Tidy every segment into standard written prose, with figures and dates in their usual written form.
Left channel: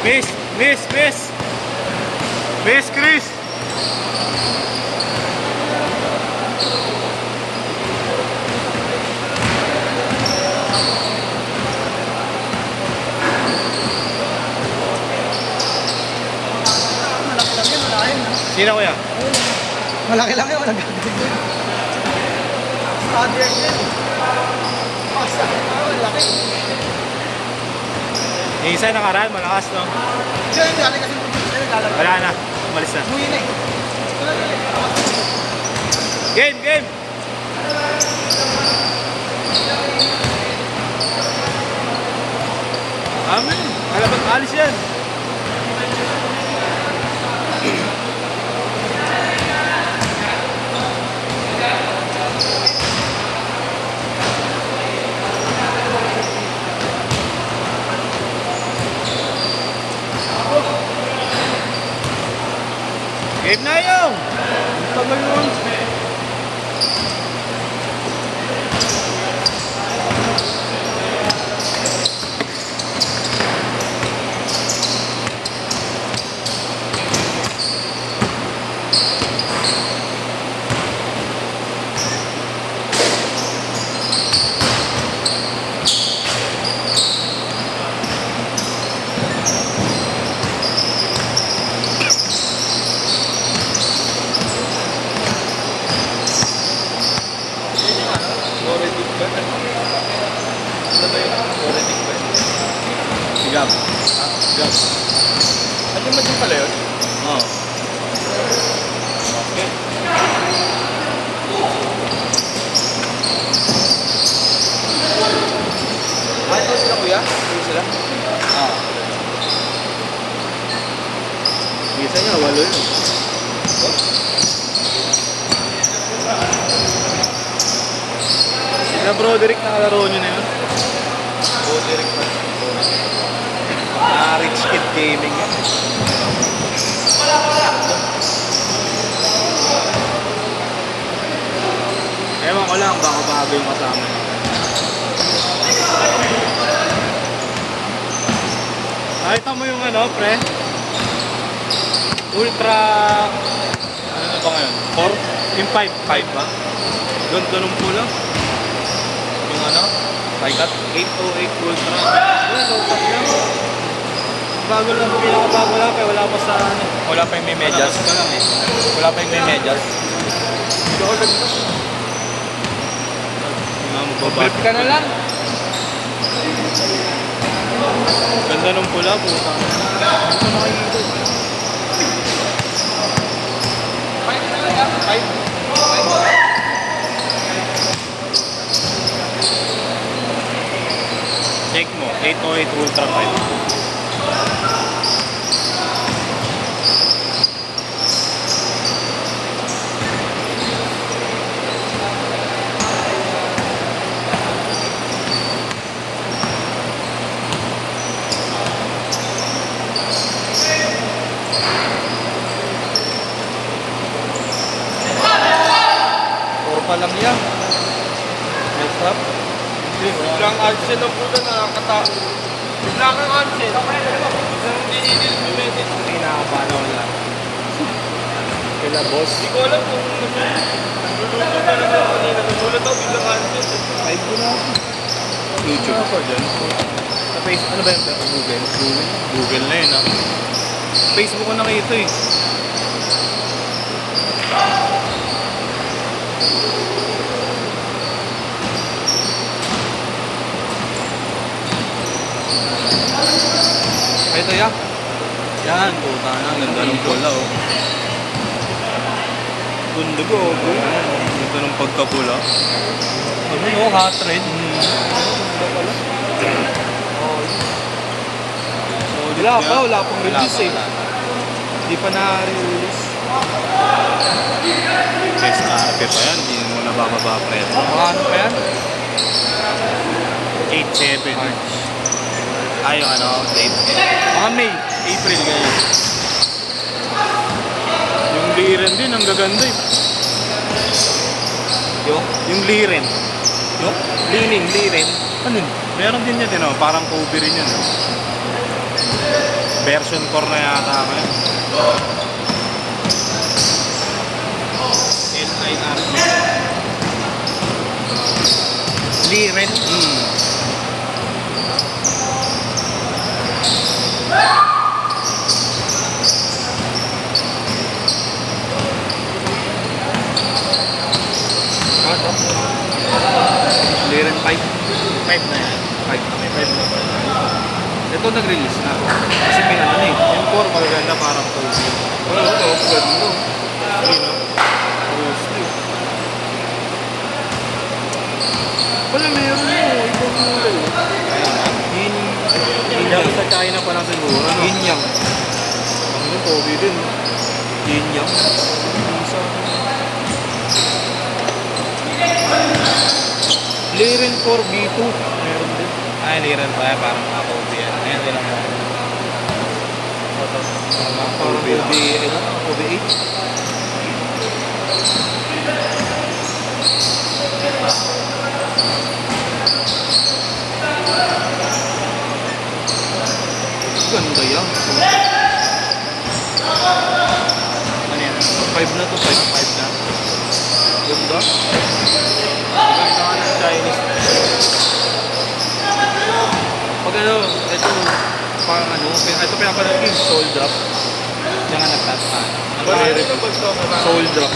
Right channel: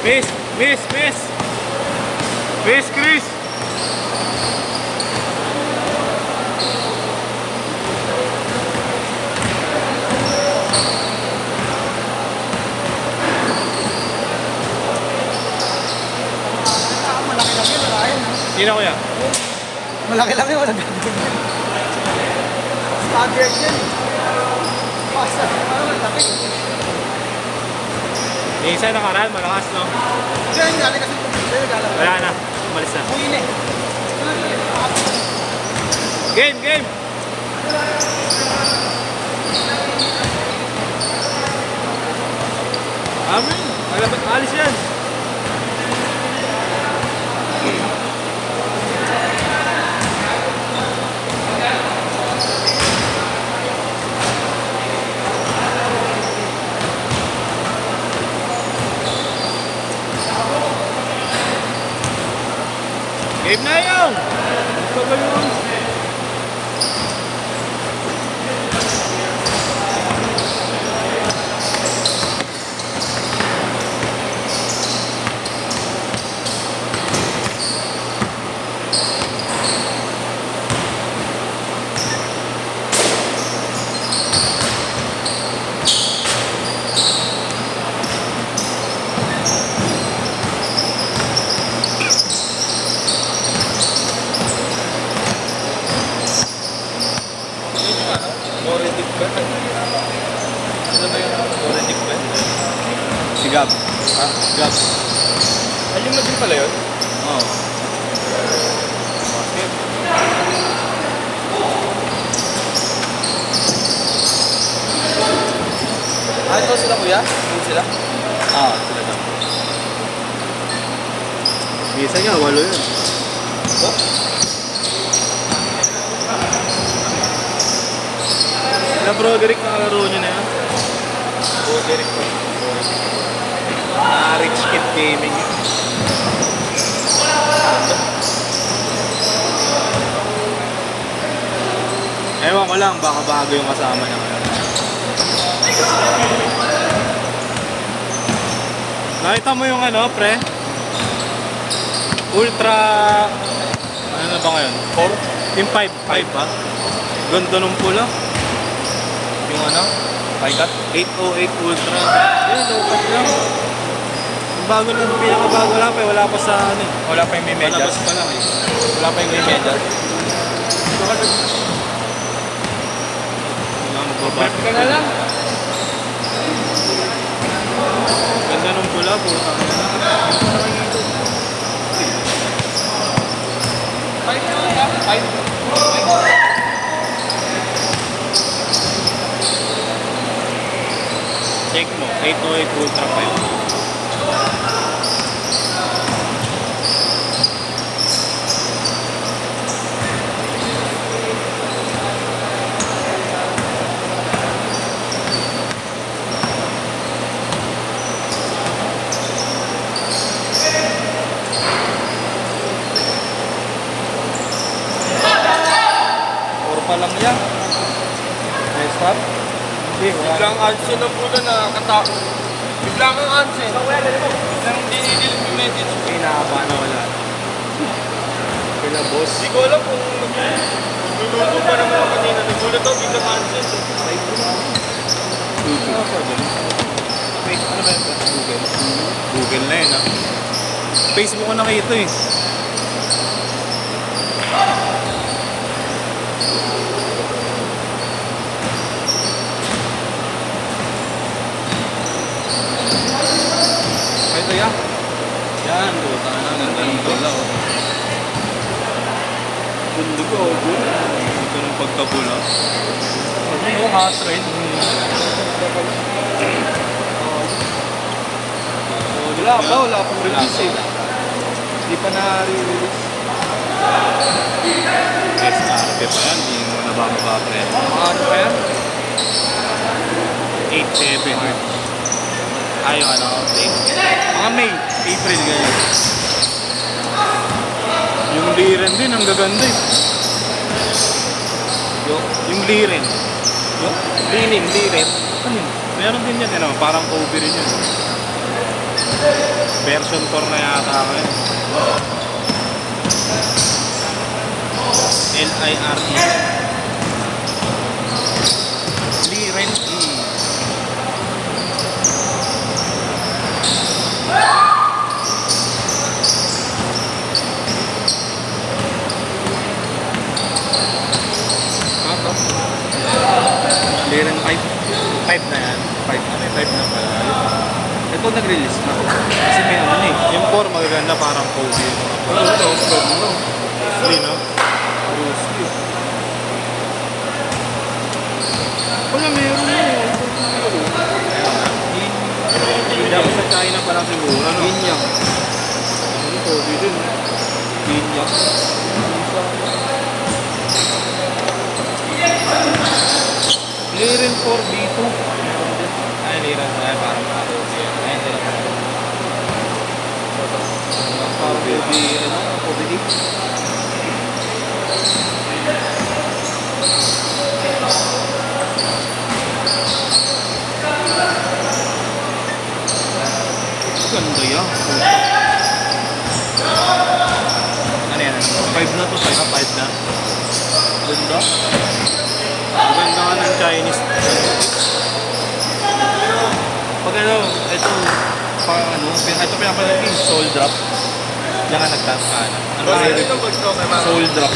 Chris! Chris! Chris! Chris! Chris! Malaki lang yun, malaki na. Sino kuya? Malaki lang yun, malaki. Standard yun. Pasta, malaki. Yung isa nakaraan, malakas lang. Diyan, dali kasi lalabas. Wala na. Umalis na. Buhin eh. Game! Game! Amin! Alabat alis yan! Game na yun! Tagal mo! Sigat. Sigat. Ayun na din pala yun. Oo. Ano sila kuya? Ano sila? Isa nga, walo yun. Na Broderick, nakalaro nyo na yun? Broderick pa. Rich Kid Gaming. Ewan ko lang, baka bago yung kasama niya. Nakita mo yung ano, pre? Ultra... Ano na ba ngayon? 4? Yung 5 ba? Ganda ng pula. Yung ano? Paikat? 808 Ultra. Yan, low-cut yun. Bago lang, pinakabago lang kaya wala pa sa ano. Wala pa yung may medyas. Labas pa lang eh. Wala pa yung may medyas. Wala, magbabago. Back ka na lang. Ganda ng pula, putang na. Hindi ko nakikita. 5 na lang yan. 5. Check mo, 808 Ultra 5. Puro pa lang yan. Nice trap. Biglang Ansen na po na nakakatakot. Biglang ang Ansen. Biglang dinidil mo medyo. Hinahaba na wala. Kila boss. Hindi ko alam kung niluluto pa naman ako kanina. Nagulat ako biglang Ansen. YouTube. Ano ba yun? Sa Facebook, ano ba yun? Google. Google na yun, ha? Facebook ko nakita eh. Ito yan. Yan, puta na. Ganda ng pula, oh. Gundo ko, oh. Gundo ng pagkapula. Ito yung hot red. Wala pa, wala pang release eh. Hindi pa na-release. Yes, na-arte pa yan. Hindi mo na ba mabapre. Ano pa yan? 8-7 March. Ay, ano, date. Mga May. April, ganyan. Yung liren din, ang gaganda eh. Yung liren. Liren. Ano yun? Meron din yan, ano, parang cover rin yun. Version 4 na yata ngayon. LIRP. Liren. Ano? Liren 5. 5 na yan. 5. 5 na. Ito nag-release na. Kasi may ano eh. Yung 4 magaganda parang full view. Oo, ito. Pwede no. Hindi no? Bruce Lee. Wala, meron mo. Ito kulay. Kaya na. Hindi ako sa China pa lang siguro. Ano? Yin yang. Ang yung pogi dun. Yin yang. Liren 4B2. Meron din. Ay, liran tayo parang pogi. Ayan din ako. OB, ano? OB8. Ganda yan. Ano yan? 5 na to, 5. 5 na. Ganda. Maganda yung Chinese. Pag ano, ito, pang ano, ito pinapalagay, soul drop. Diyan na nagtaas ka. Ano Nagre-review. Soul drop.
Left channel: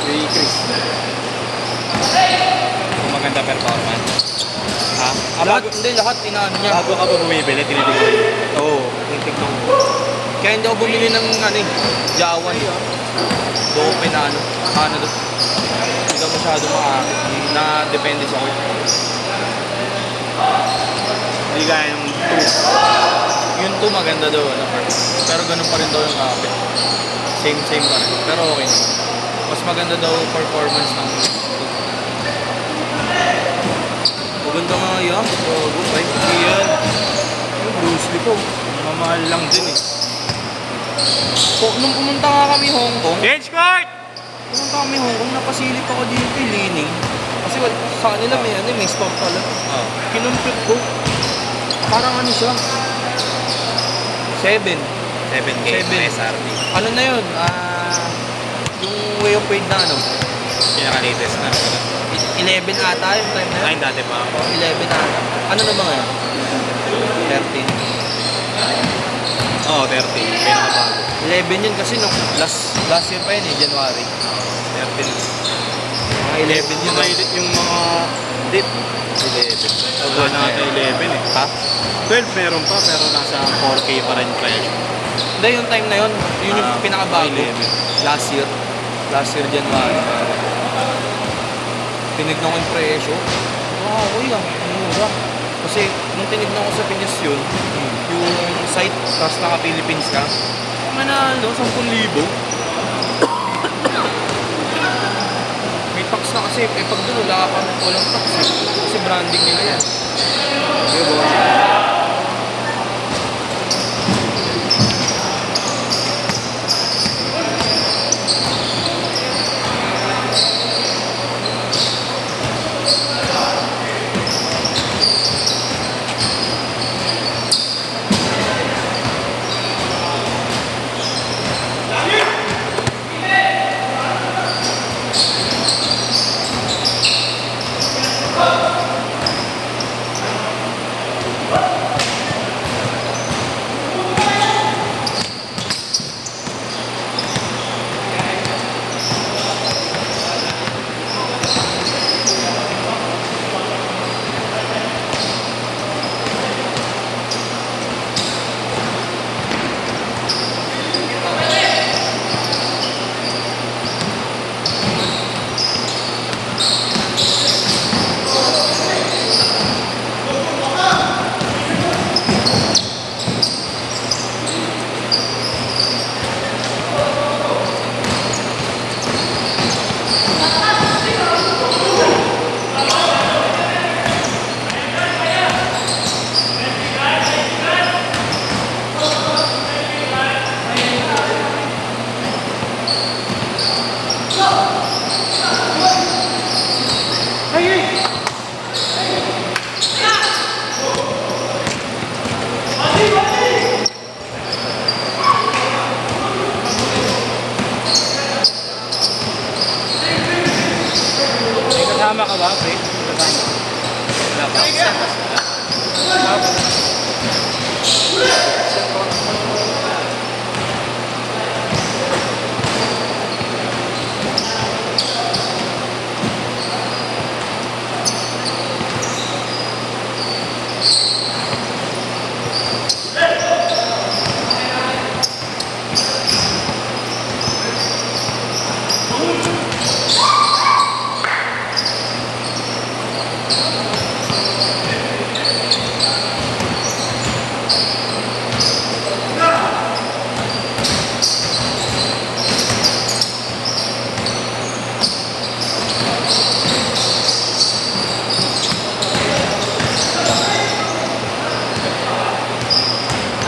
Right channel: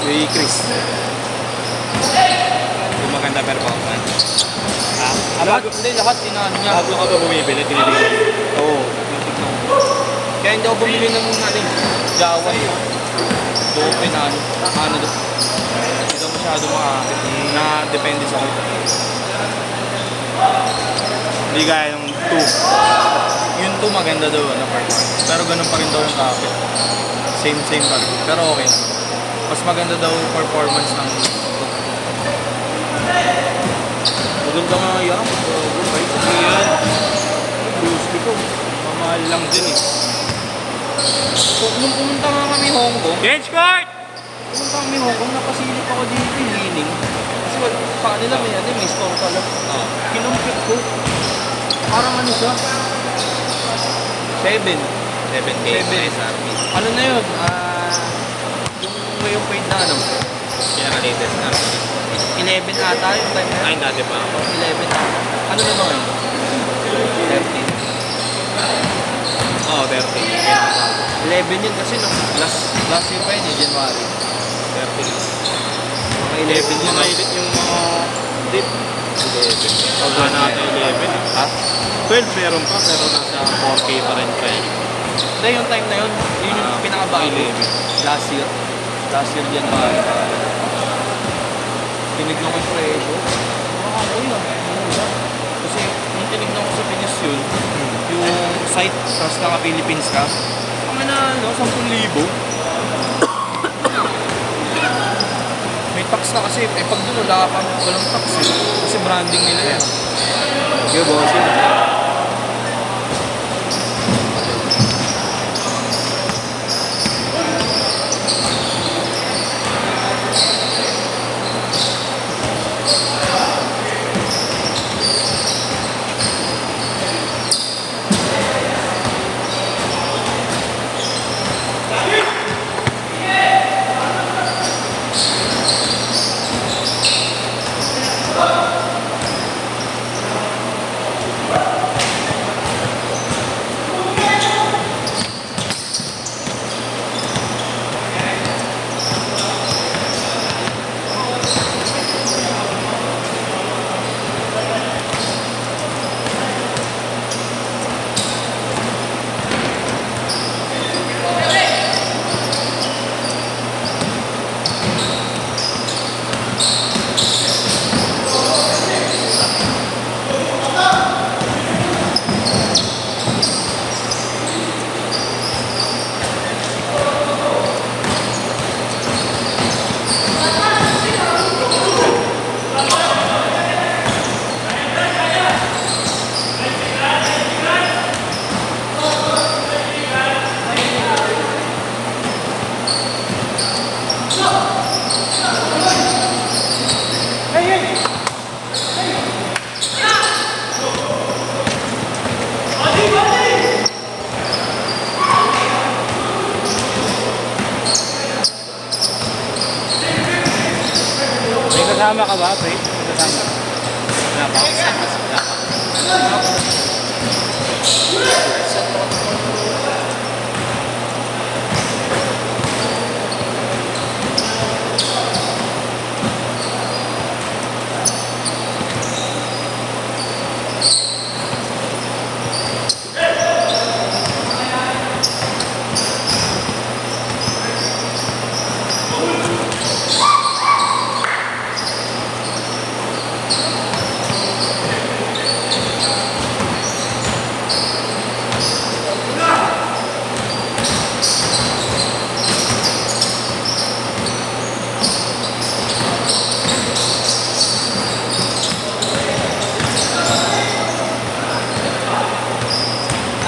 Kay Chris. Kung maganda performance. Ha? Lahat, hindi, lahat tinaan niya. Bago ka ba bumibili, tinitipid. Oo, natignan mo. Kaya hindi ako bumili ng ano eh, Jawa eh. Doon ko na ano doon. Hindi ka masyado makakit. Na depende sa court. Hindi kaya yung 2. Yung 2 maganda daw ano performance. Pero ganun pa rin daw yung kakit. Same pa rin. Pero okay naman. Mas maganda daw performance ng 2. Maganda mga yan. Right? Yan. Bruce Lee po. Mamahal lang din eh. Nung pumunta nga kami Hong Kong, Change court! pumunta kami Hong Kong, nagpasilip ako dito yung lining. Kasi sa kanila may ano, may store pala. Oh. Kinumpit ko. Parang ano siya? 7. 7K Seven. SRP. Ano na yun? Yung way of weight na ano? Pinaka-latest na. 11 ata yung time na yun. Ayun dati pa ako. 11 ata. Ano na mga yun? 13. Oo, 13. Pinaka-bago. 11 yun kasi last year pa yun eh, January. 13. Mga 11 yun. Mainit yung mga dip. 11. Pag na ata 11 eh. Ha? 12 meron pa, pero nasa 4K pa rin kayo. Hindi, yung time na yun, yun yung pinakabago. 11. Last year. Last year January. Tinignan ko yung presyo. Okay lang. Kasi nung tinignan ko sa Pinis yun, Yung site, tapos naka-Philippines ka. Ang na, ano, 10,000. May tax na kasi. Eh, pag doon, walang tax eh. Kasi branding nila yan. Okay, bossing.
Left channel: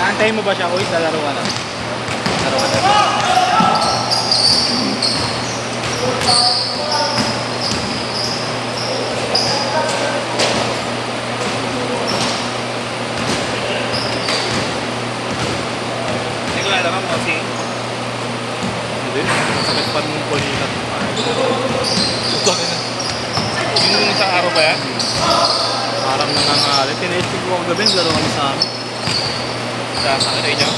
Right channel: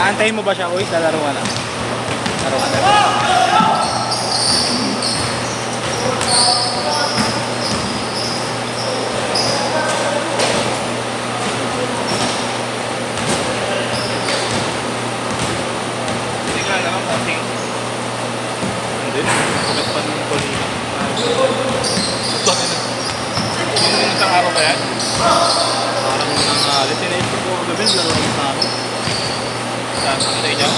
Aantayin mo ba siya, Uy? Lalaro ka na. Laro ka na. Hindi ko alam ang kasi. Hindi. Sagot pa ng kulila. Yung isang araw ba yan? Parang nangalit. Tinaisip ko ang gabi. Laro kami sa amin. Sama ka tayo dyan.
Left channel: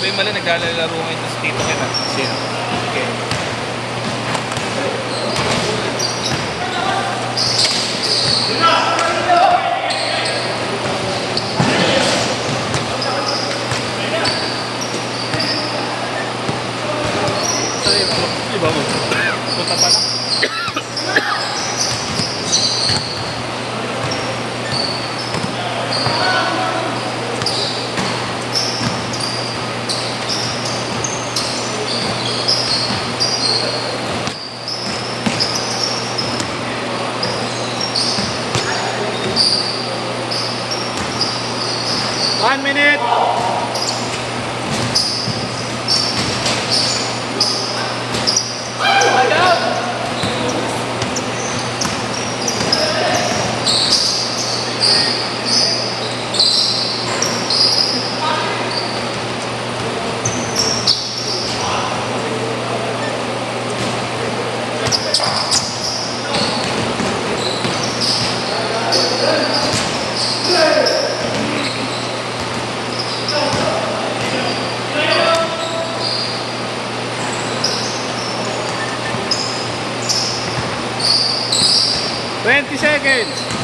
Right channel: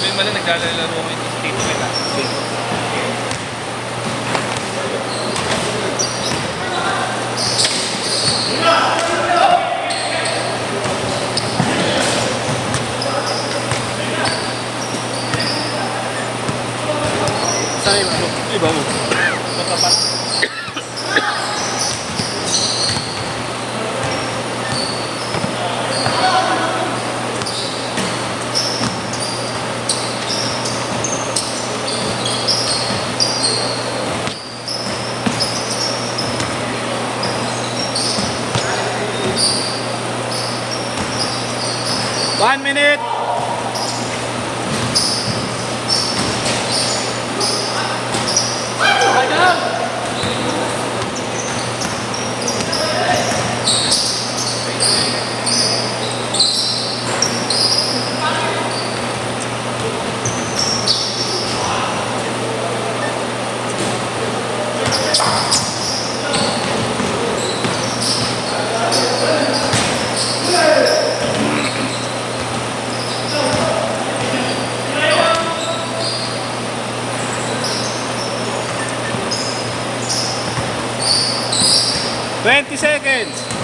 May mali naglalaro mo ito sa tito ka na. Sino? Saan yung iba mo? Matapat. One minute! Seconds.